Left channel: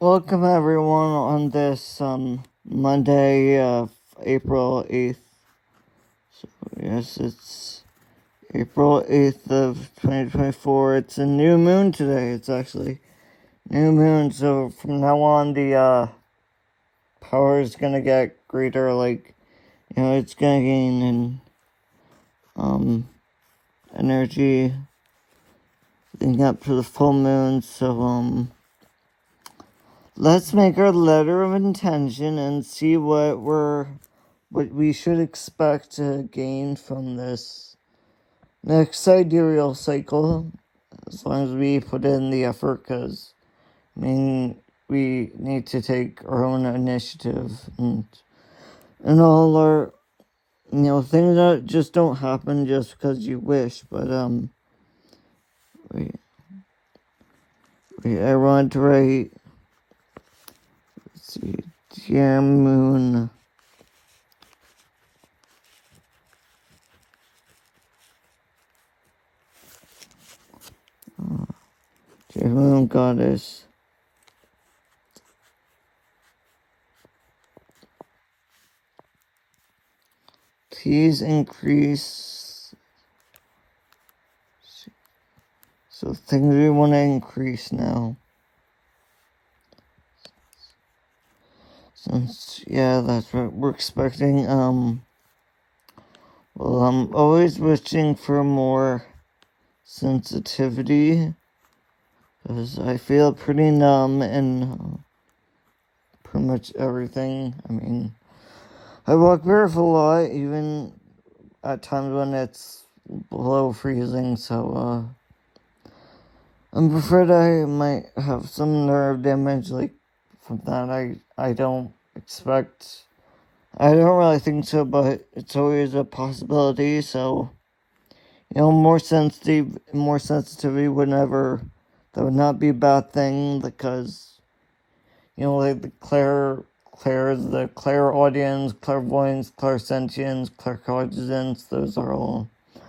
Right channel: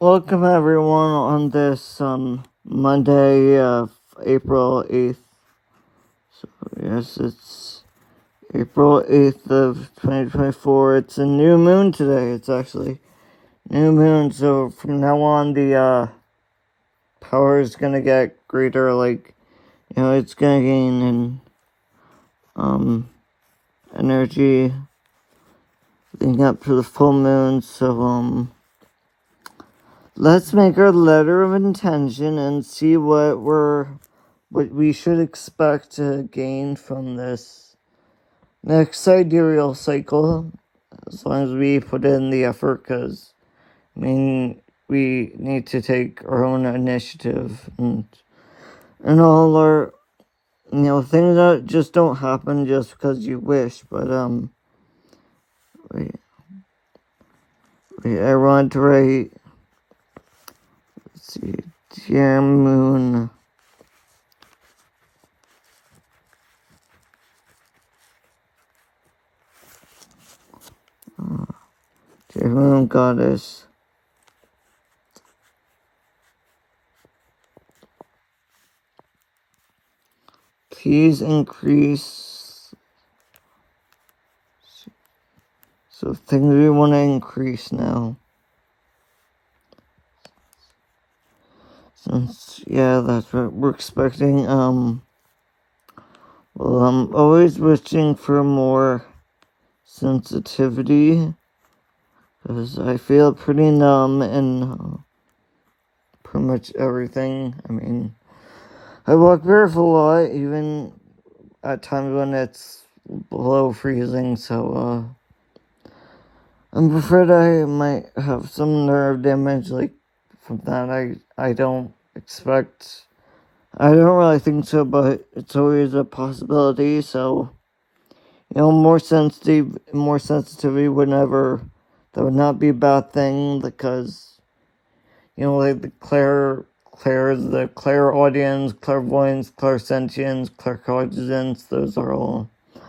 Welcome everyone on this Monday, April 8th. So yes, it's April 8th of 2024. It's a new moon today. It's actually new moon, so from now on the power is gonna get greater, like, it's gonna gain in energy leading up to the full moon. So let's make our letter of intention and see what we should expect to gain from this next sidereal cycle, as long as we put in the effort, because we need to take our own initiative, and all our things that just don't happen just because you wish. But I want to write, let's see, Dear Moon, Dear Moon Goddess, please increase. So things we want to increase now. Since, yeah, that's what we're expecting. Well, I'm always wishing for more sensitivity, because I feel pretty numb in pretty much everything. I walk barefoot a lot, even at times when it's below freezing, so I'm afraid I might have some nerve damage, like, from that. I don't expect. I don't really think so, but it's always a possibility. So, more sensitivity that would not be a bad thing, because, like the clairaudience, clairvoyance, clairsentience, claircognizance, those are all, I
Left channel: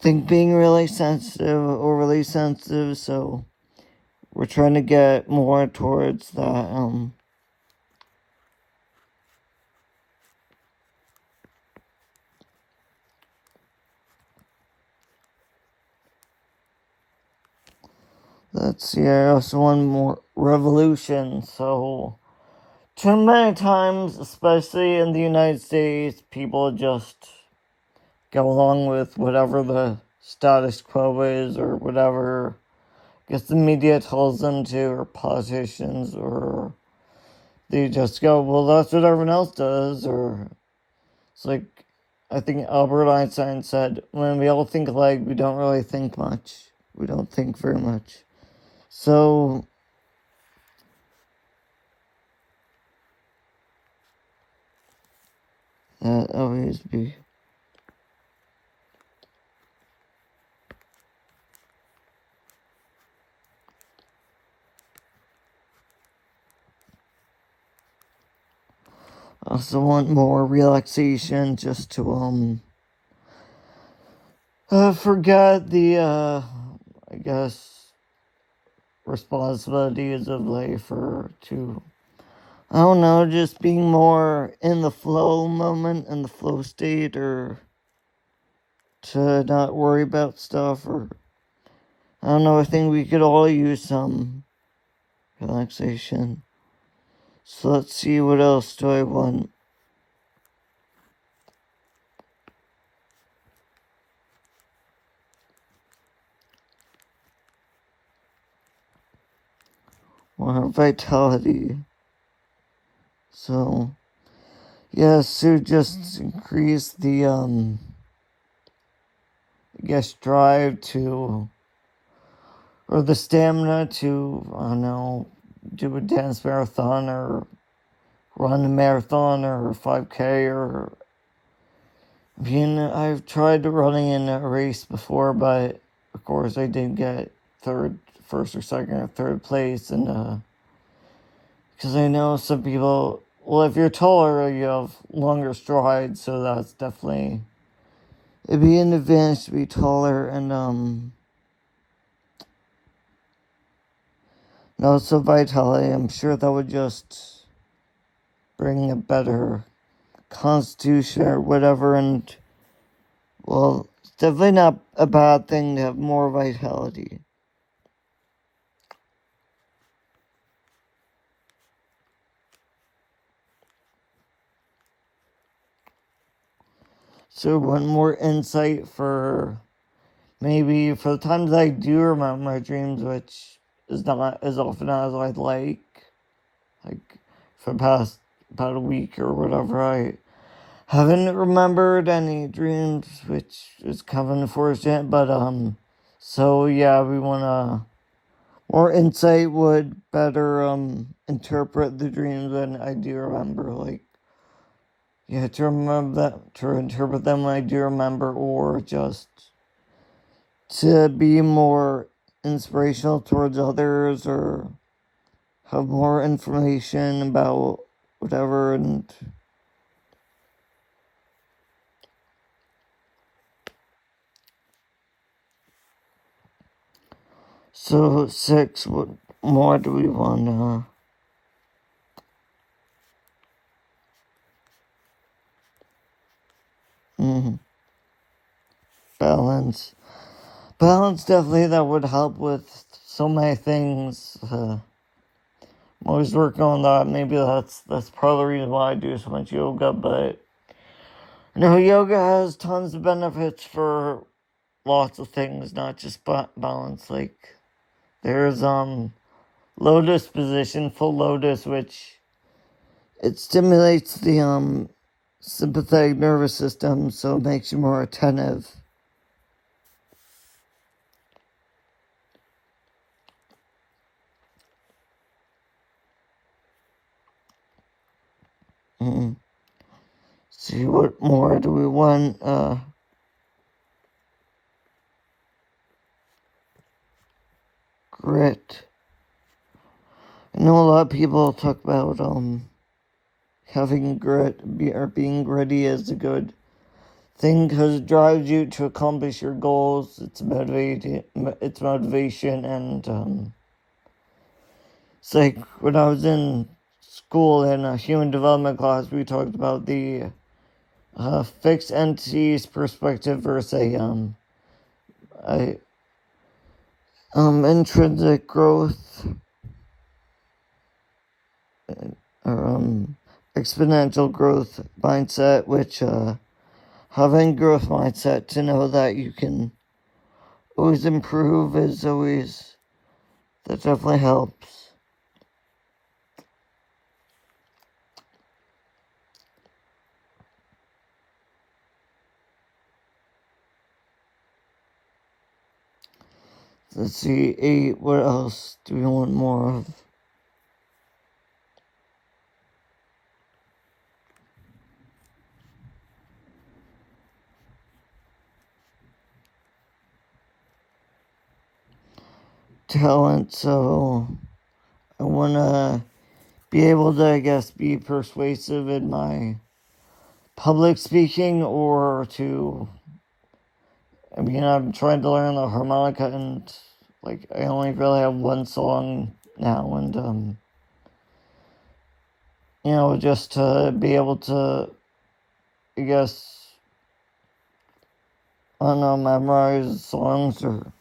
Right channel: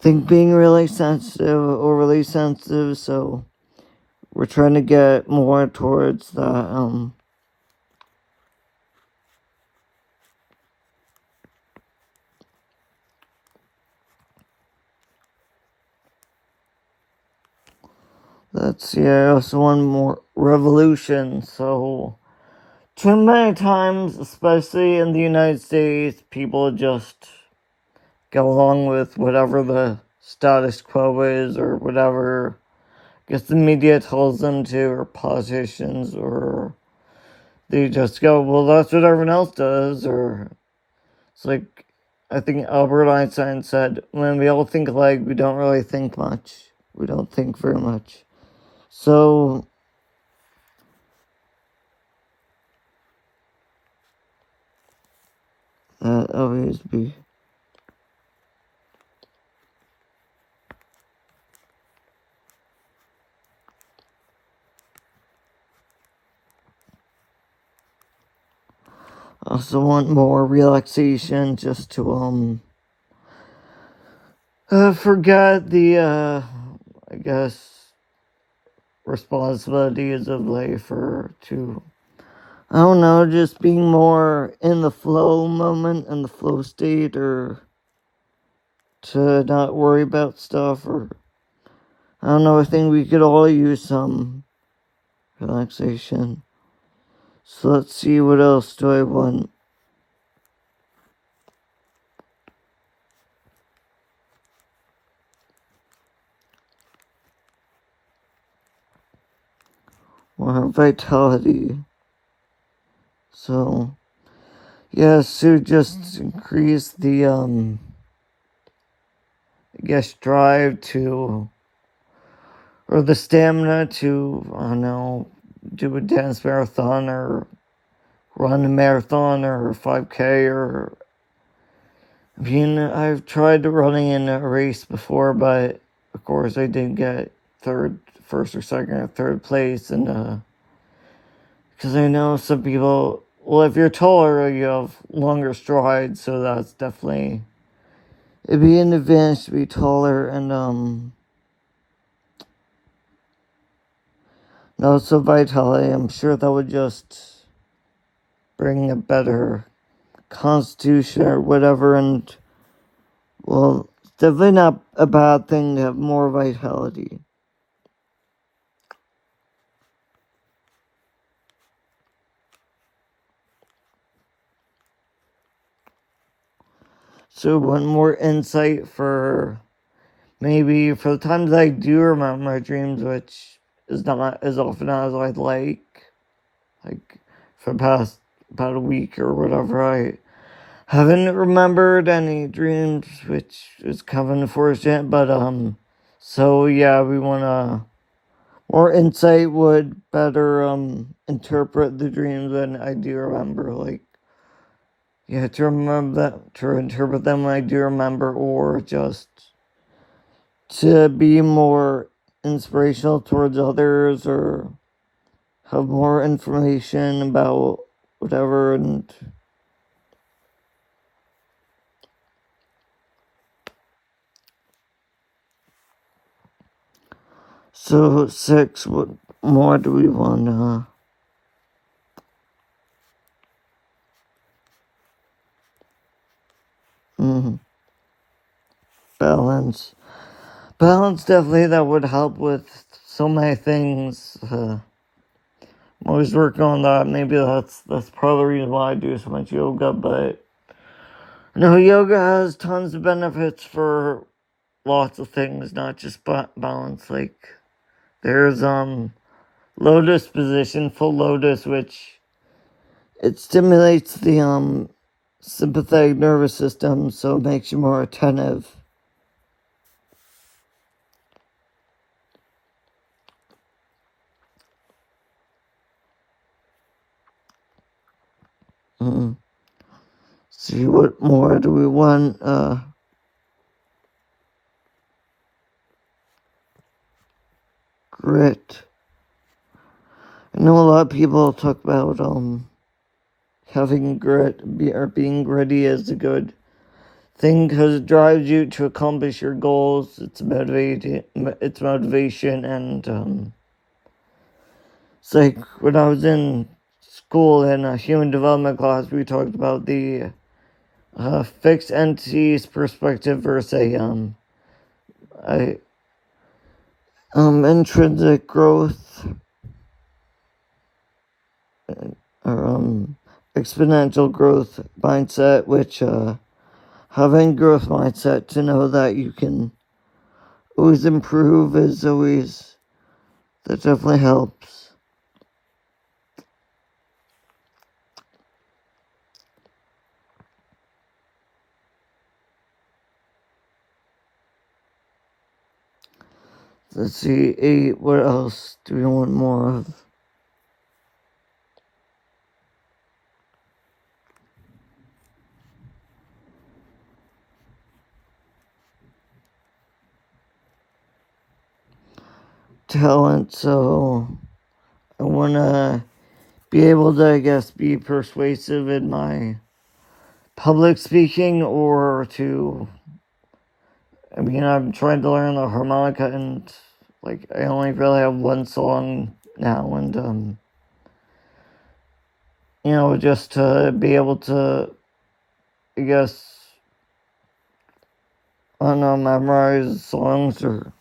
think, being really sensitive, overly sensitive. So we're trying to get more towards that. Let's see, I also want more revolution. So, too many times, especially in the United States, people just go along with whatever the status quo is, or whatever I guess the media tells them to, or politicians, or they just go, well, that's what everyone else does. Or it's like, I think Albert Einstein said, when we all think alike, we don't really think much. We don't think very much. So, that always be. I also want more relaxation, just to forget the I guess responsibilities of life, or to, I don't know, just being more in the flow moment, in the flow state, or to not worry about stuff. Or I don't know, I think we could all use some relaxation. So let's see, what else do I want? More vitality. So, yes, to just increase the I guess drive to, or the stamina to, I don't know, do a dance marathon, or run a marathon, or 5K, or, I've tried running in a race before, but of course I didn't get first or second or third place. And because I know some people, well, if you're taller, you have longer strides, so that's definitely, it'd be an advantage to be taller. And And also vitality. I'm sure that would just bring a better constitution or whatever, and well, it's definitely not a bad thing to have more vitality. So one more insight for maybe for the times I do remember my dreams, which is not as often as I'd like for past about a week or whatever, I haven't remembered any dreams, which is kind of unfortunate, but so yeah, we wanna more insight would better interpret the dreams than I do remember. Like, yeah, to remember that, to interpret them when I do remember, or just to be more inspirational towards others, or have more information about whatever. And so 6, what more do we want to balance? Balance, definitely, that would help with so many things. I'm always working on that. Maybe that's part of the reason why I do so much yoga. But no, yoga has tons of benefits for lots of things, not just balance. Like, there's lotus position, full lotus, which it stimulates the sympathetic nervous system, so it makes you more attentive. See, what more do we want? Grit. I know a lot of people talk about having grit or being gritty is a good thing because it drives you to accomplish your goals. It's motivation, and it's like when I was in school in a human development class, we talked about the fixed entities perspective versus intrinsic growth or exponential growth mindset, which having growth mindset to know that you can always improve is always, that definitely helps. Let's see, 8, what else do we want more of? Talent, so I want to be able to, I guess, be persuasive in my public speaking, or to, I mean, I'm trying to learn the harmonica, and like I only really have one song now, and just to be able to, I guess, I don't know, memorize songs, or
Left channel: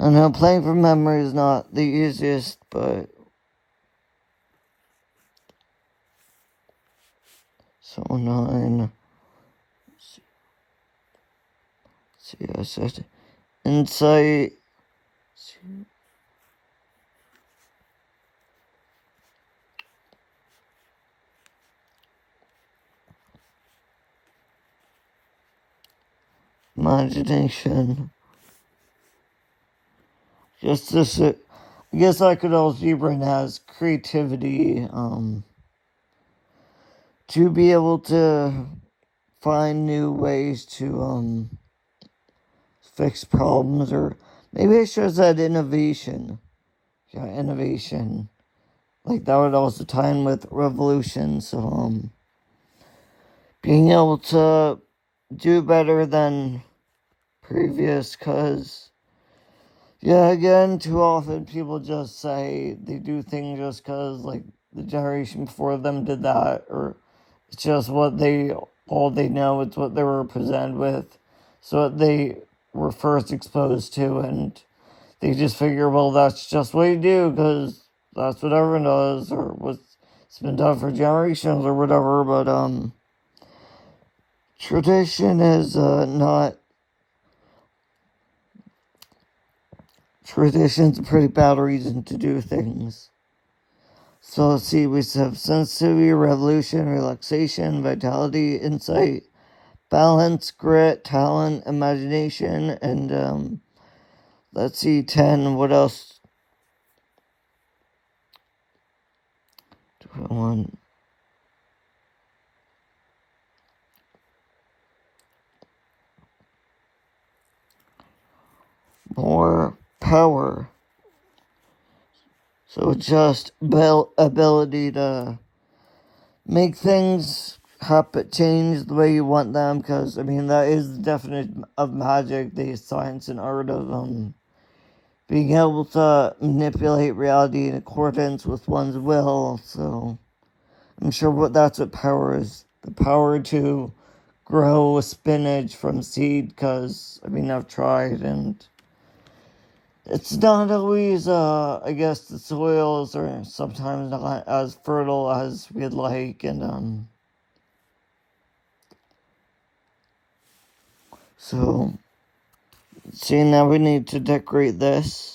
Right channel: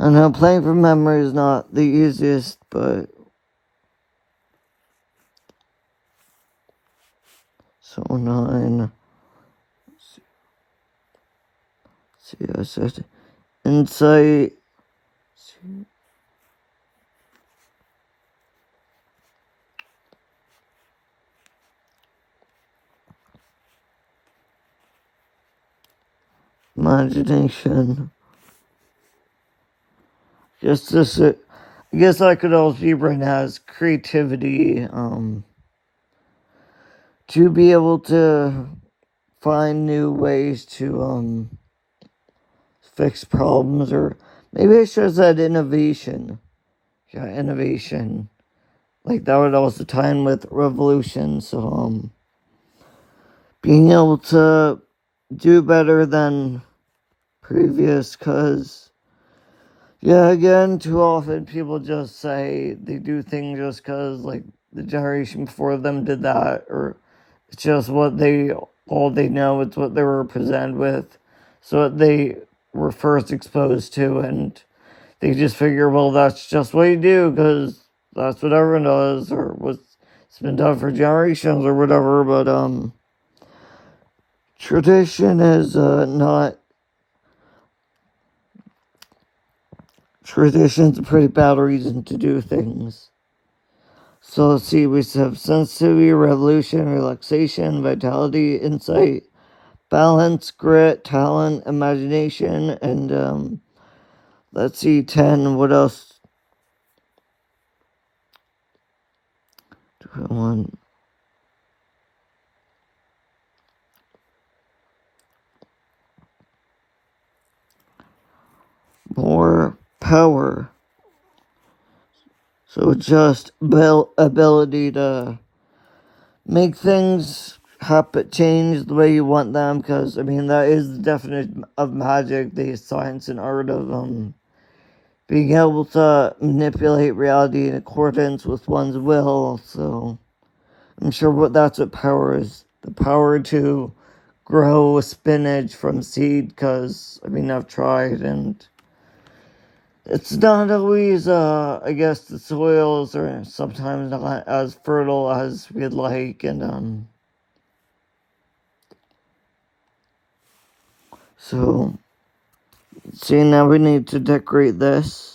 I don't know, playing from memory is not the easiest, but so 9. See, I said insight. Imagination. Just this, I guess I could also be right now as creativity. To be able to find new ways to fix problems, or maybe I should have said innovation. Yeah, innovation. Like that would also tie in with revolution. So being able to do better than previous, because Yeah, again, too often people just say they do things just because, like, the generation before them did that, or it's just all they know, it's what they were presented with, so what they were first exposed to, and they just figure, well, that's just what you do because that's what everyone does, or what's it's been done for generations, or whatever. But tradition is not. Tradition's a pretty bad reason to do things. So let's see, we have sensitivity, revolution, relaxation, vitality, insight, balance, grit, talent, imagination, and let's see, 10, what else? More power. So just ability to make things happen, change the way you want them, because, I mean, that is the definition of magic, the science and art of being able to manipulate reality in accordance with one's will. So I'm sure that's what power is. The power to grow spinach from seed, because, I mean, I've tried, and it's not always, I guess the soils are sometimes not as fertile as we'd like, and, so, see, now we need to decorate this.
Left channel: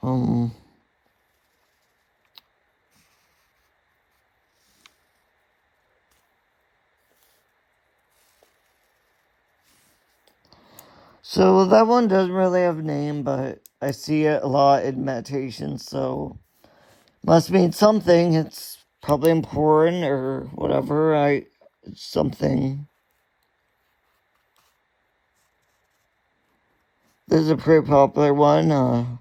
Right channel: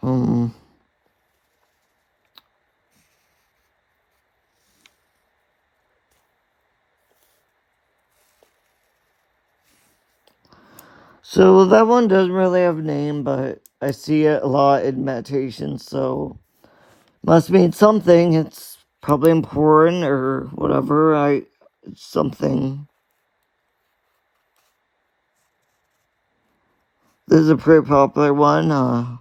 Hmm. So that one doesn't really have a name, but I see it a lot in meditation, so must mean something. It's probably important or whatever. Something. This is a pretty popular one.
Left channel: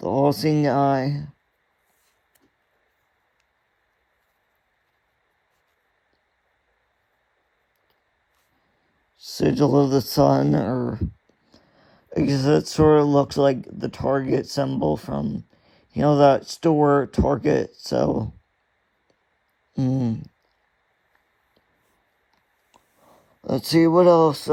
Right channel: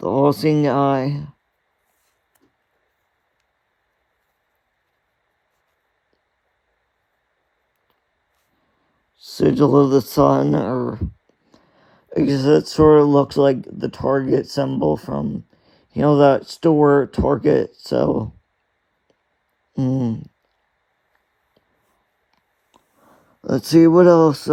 The All-Seeing Eye. Sigil of the Sun, or I guess it sort of looks like the Target symbol from, that store Target. So, let's see what else.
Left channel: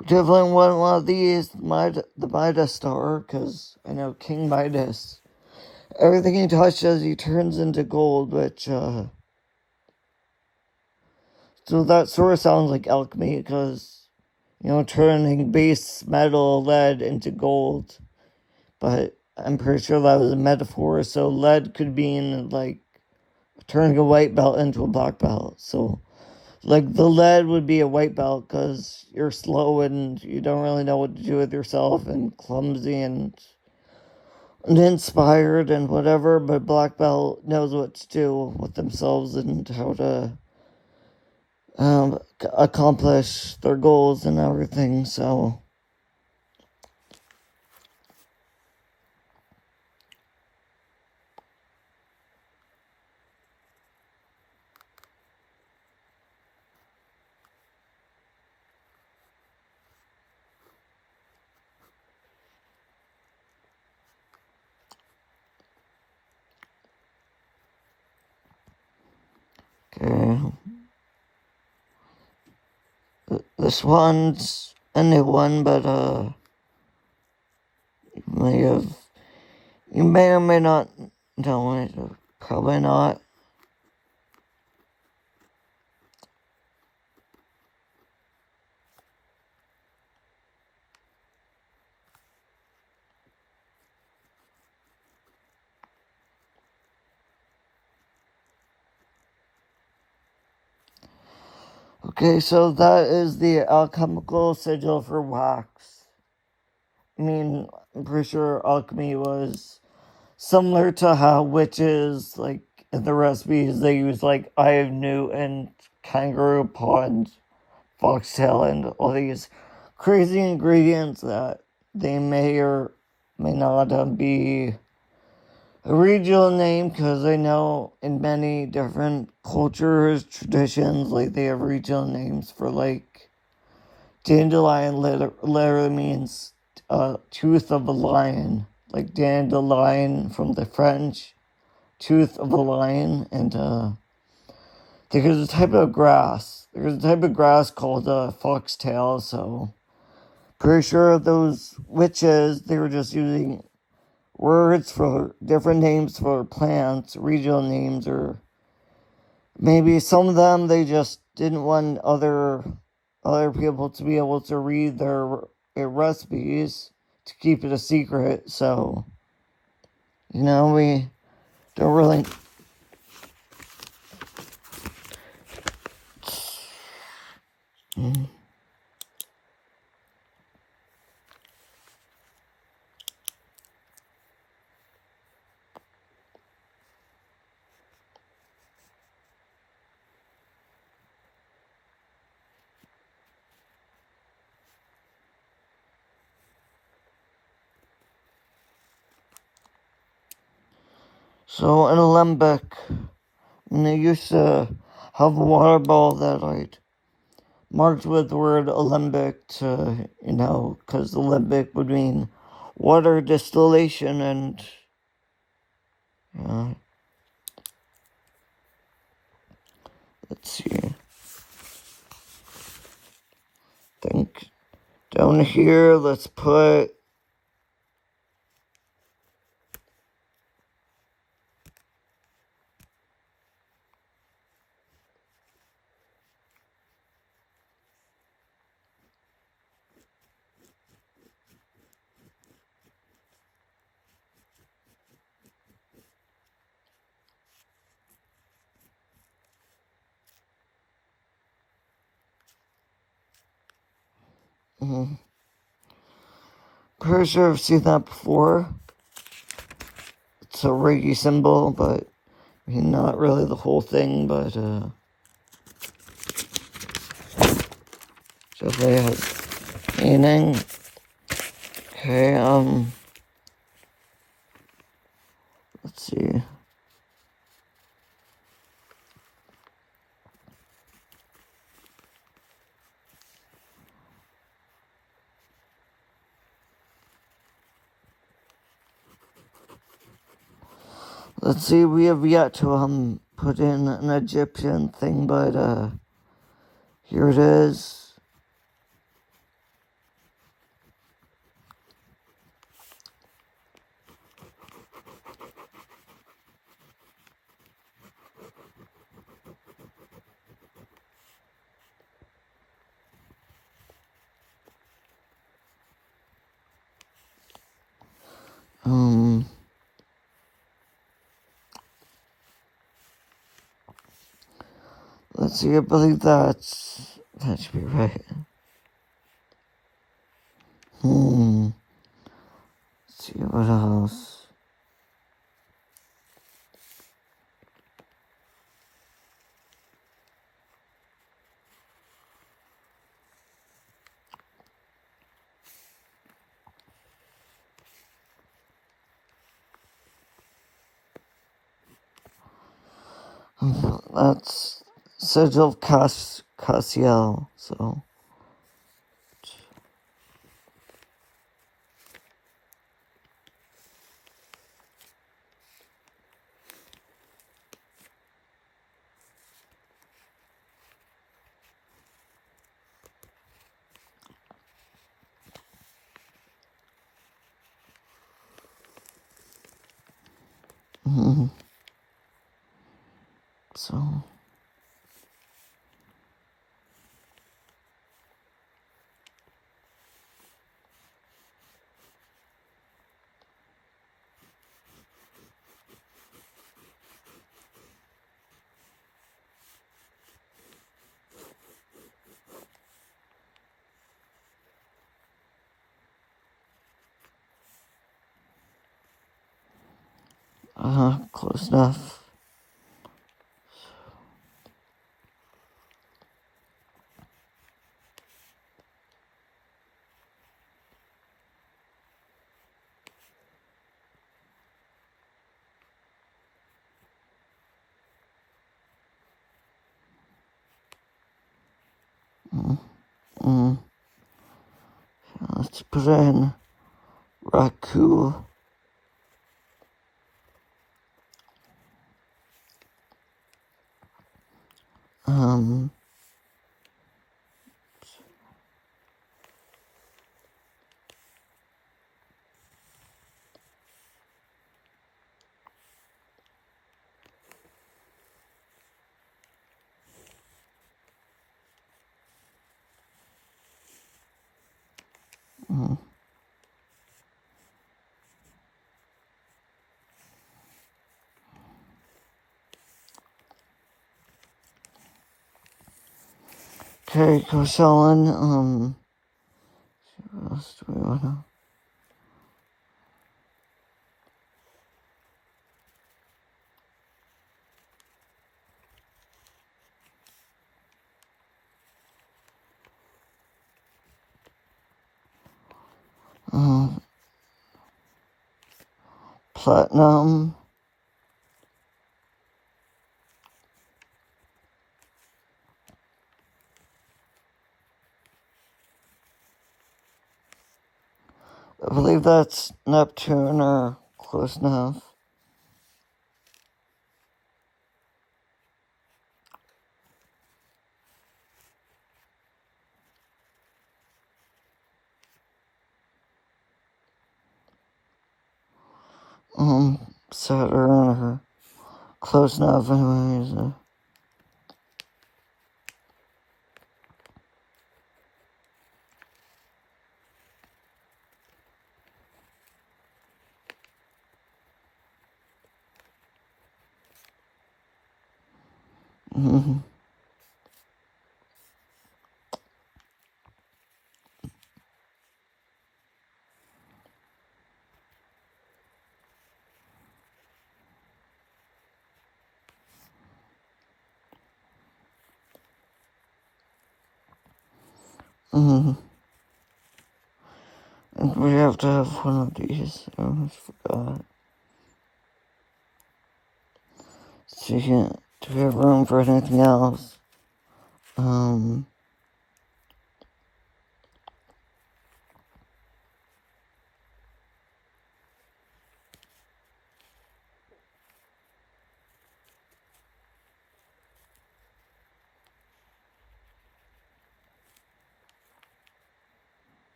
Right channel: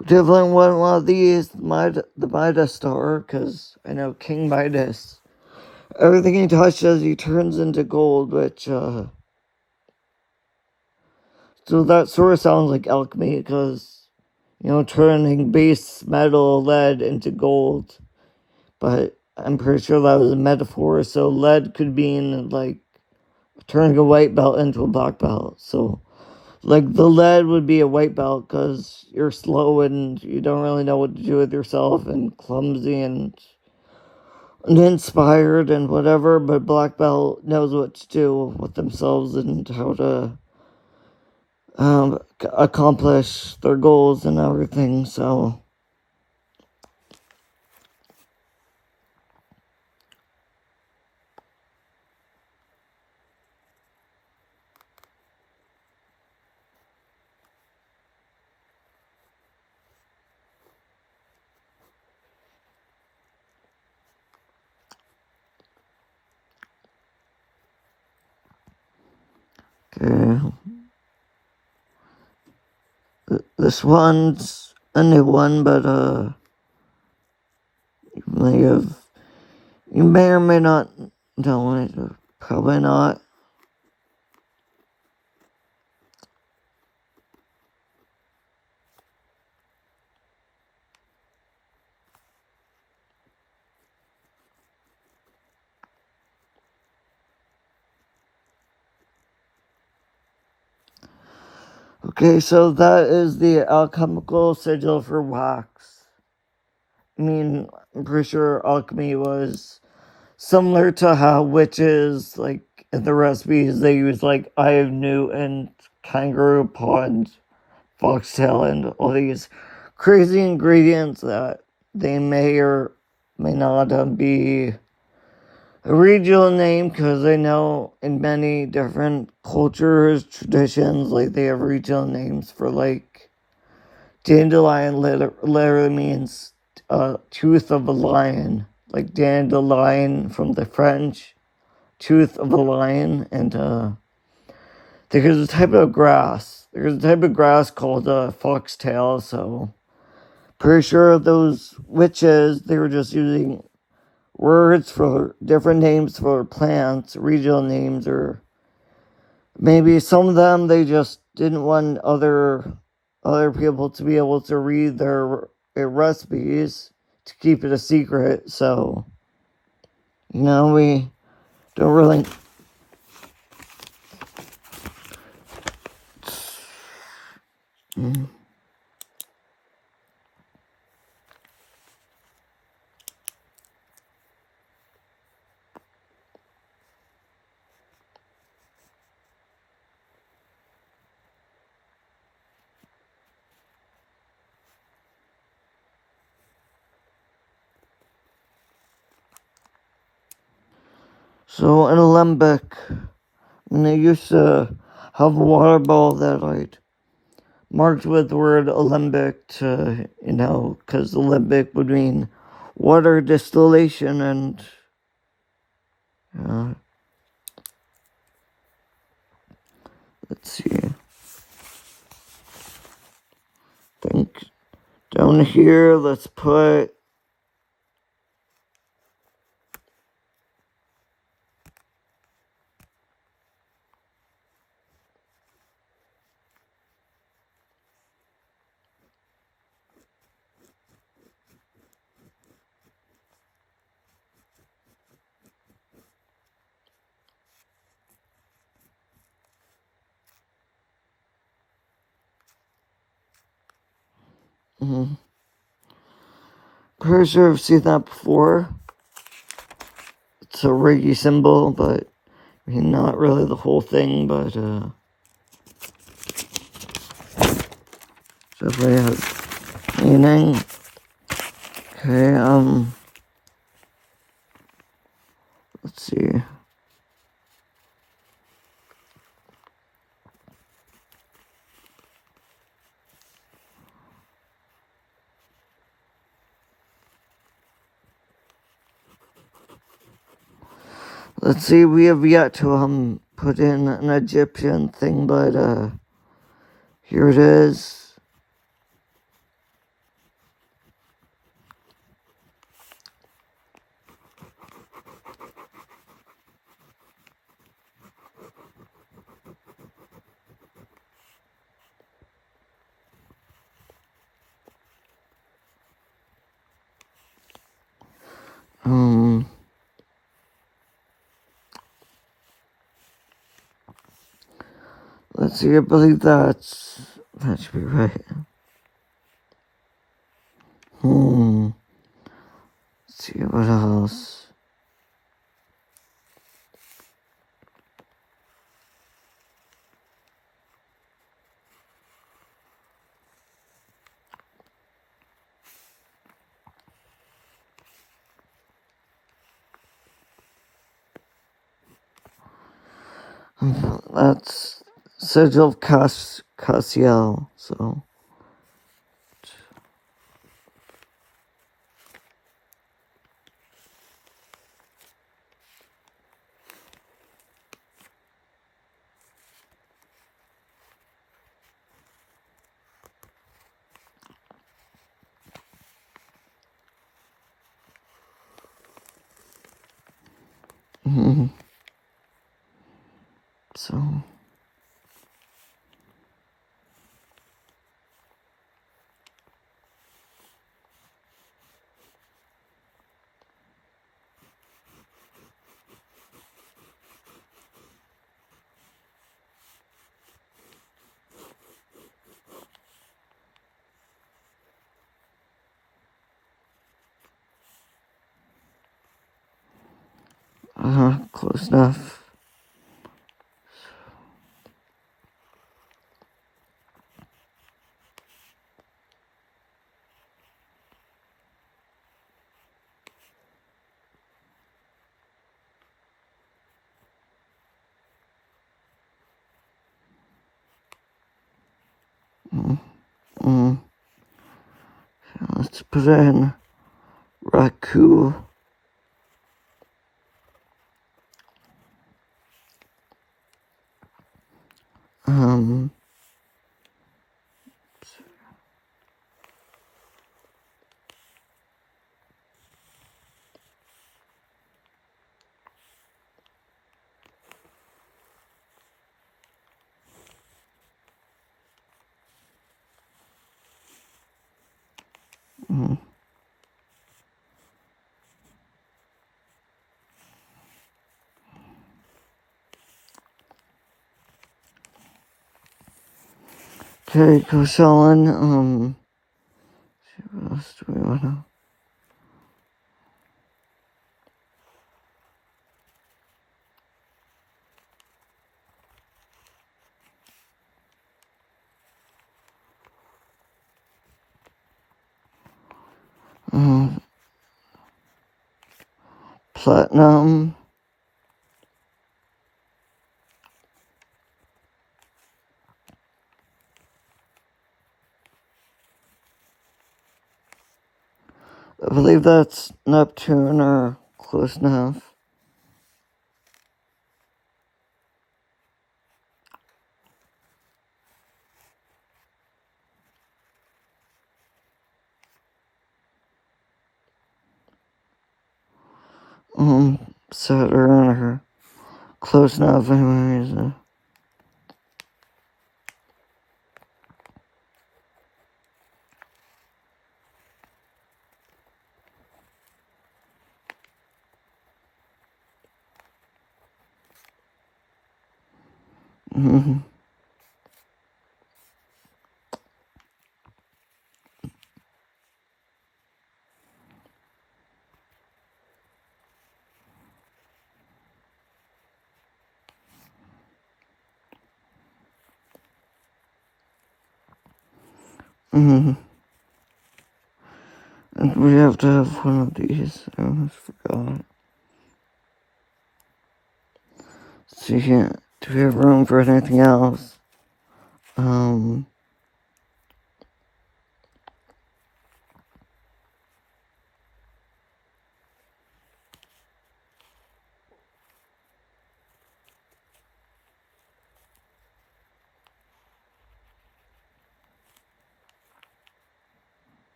Definitely want one of these, the Midas star, because I know King Midas. Everything he touches, he turns into gold, which, so that sort of sounds like alchemy, because, turning base metal, lead, into gold. But I'm pretty sure that was a metaphor, so lead could mean, like, turning a white belt into a black belt. So, like, the lead would be a white belt, because you're slow and you don't really know what to do with yourself, and clumsy and uninspired and whatever, but black belt knows what to do with themselves and how to accomplish their goals and everything. So, okay. This one's a new one, but you may or may not know it. Probably not. Okay, so that is the alchemical sigil for wax. I mean, I'm pretty sure alchemy was similar to how witches, like in the recipes, they use like eye of newt and kangaroo paw and foxtail and all these crazy ingredients that they may or may not be a regional name, because I know in many different cultures, traditions, like they have regional names for like dandelion literally means tooth of a lion, like dandelion from the French, tooth of a lion, and there's a type of grass. There's a type of grass called foxtail, so pretty sure those witches, they were just using words for different names for plants, regional names, or maybe some of them they just didn't want other people to be able to read their recipes to keep it a secret. So, we don't really. So in Olympic, when they used to have a water ball that I'd marked with the word Olympic to, because Olympic would mean water distillation, and let's see. Think down here, let's put pretty sure I've seen that before. It's a Reiki symbol, but not really the whole thing, but definitely has meaning. Okay, let's see. Let's see, we have yet to put in an Egyptian thing, but here it is. Let's see, I believe that should be right. Let's see, what else? That's Sigil Cassiel, so. So. Close enough. Let's put in Raku. Mm-hmm. Okay, go selling. What else do we want to? Platinum. I believe that's Neptune or close enough. Saturn or close enough anyways. Mm-hmm. Mm-hmm. And we have to have one of these. I almost forgot. So you can't. Do we have room for anything else?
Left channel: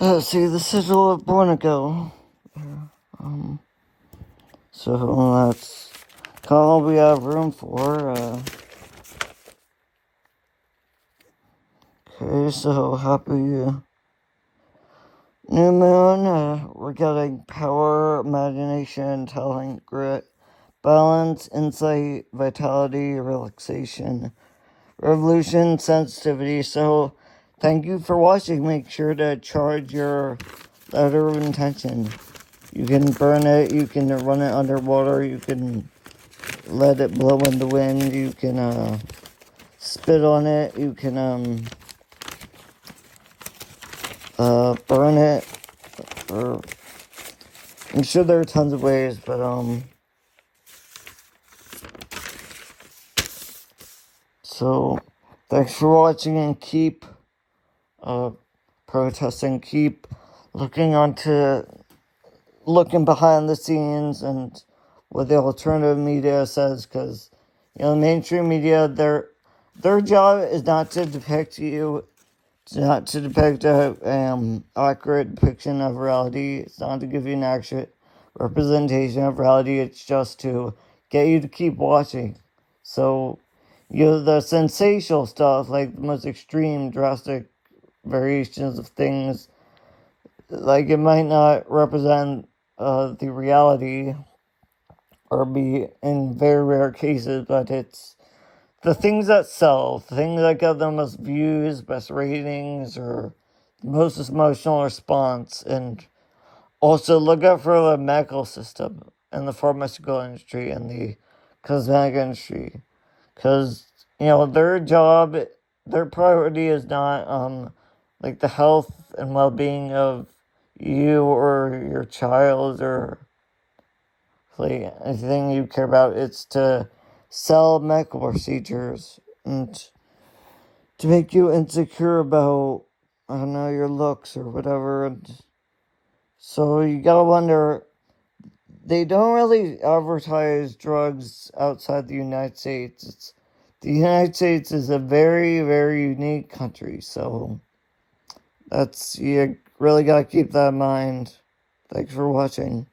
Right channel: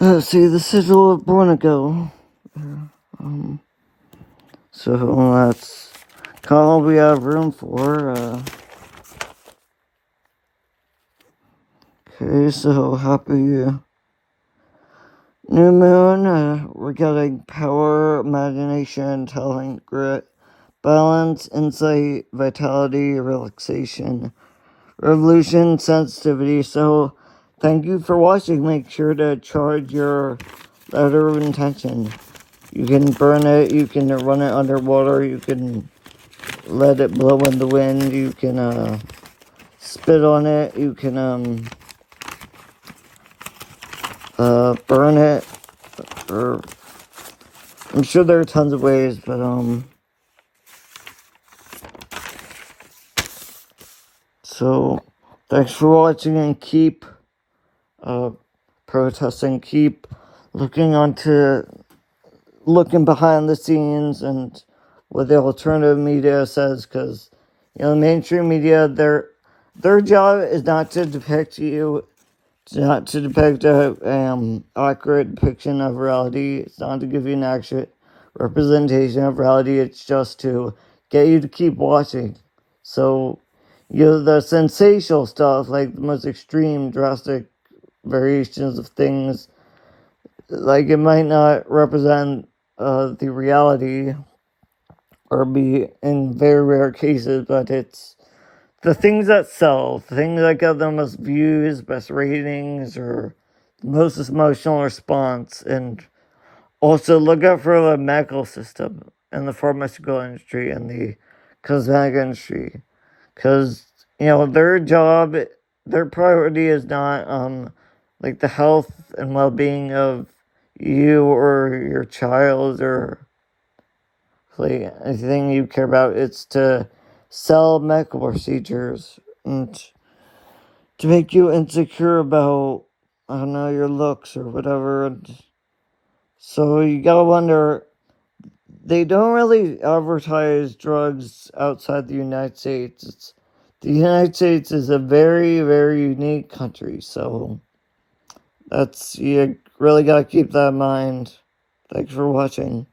Let's see, the sigil of Bornego. So that's kind of all we have room for. Okay, so happy new moon. We're getting power, imagination, talent, grit, balance, insight, vitality, relaxation, revolution, sensitivity. So thank you for watching. Make sure to charge your letter of intention. You can burn it, you can run it underwater, you can let it blow in the wind, you can spit on it, you can burn it, or I'm sure there are tons of ways, but so thanks for watching, and keep protesting, keep looking behind the scenes and what the alternative media says, because mainstream media, their job is not to depict you. It's not to depict a accurate depiction of reality. It's not to give you an accurate representation of reality. It's just to get you to keep watching. So, the sensational stuff, like the most extreme, drastic variations of things, like it might not represent the reality, or be in very rare cases, but it's the things that sell, the things that get the most views, best ratings, or most emotional response. And also look out for the medical system and the pharmaceutical industry and the cosmetic industry. Because, their job, their priority is not, like the health and well-being of you or your child or like anything you care about. It's to sell medical procedures and to make you insecure about, I don't know, your looks or whatever. And so you gotta wonder, they don't really advertise drugs outside the United States. The United States is a very, very unique country, so you really gotta keep that in mind. Thanks for watching.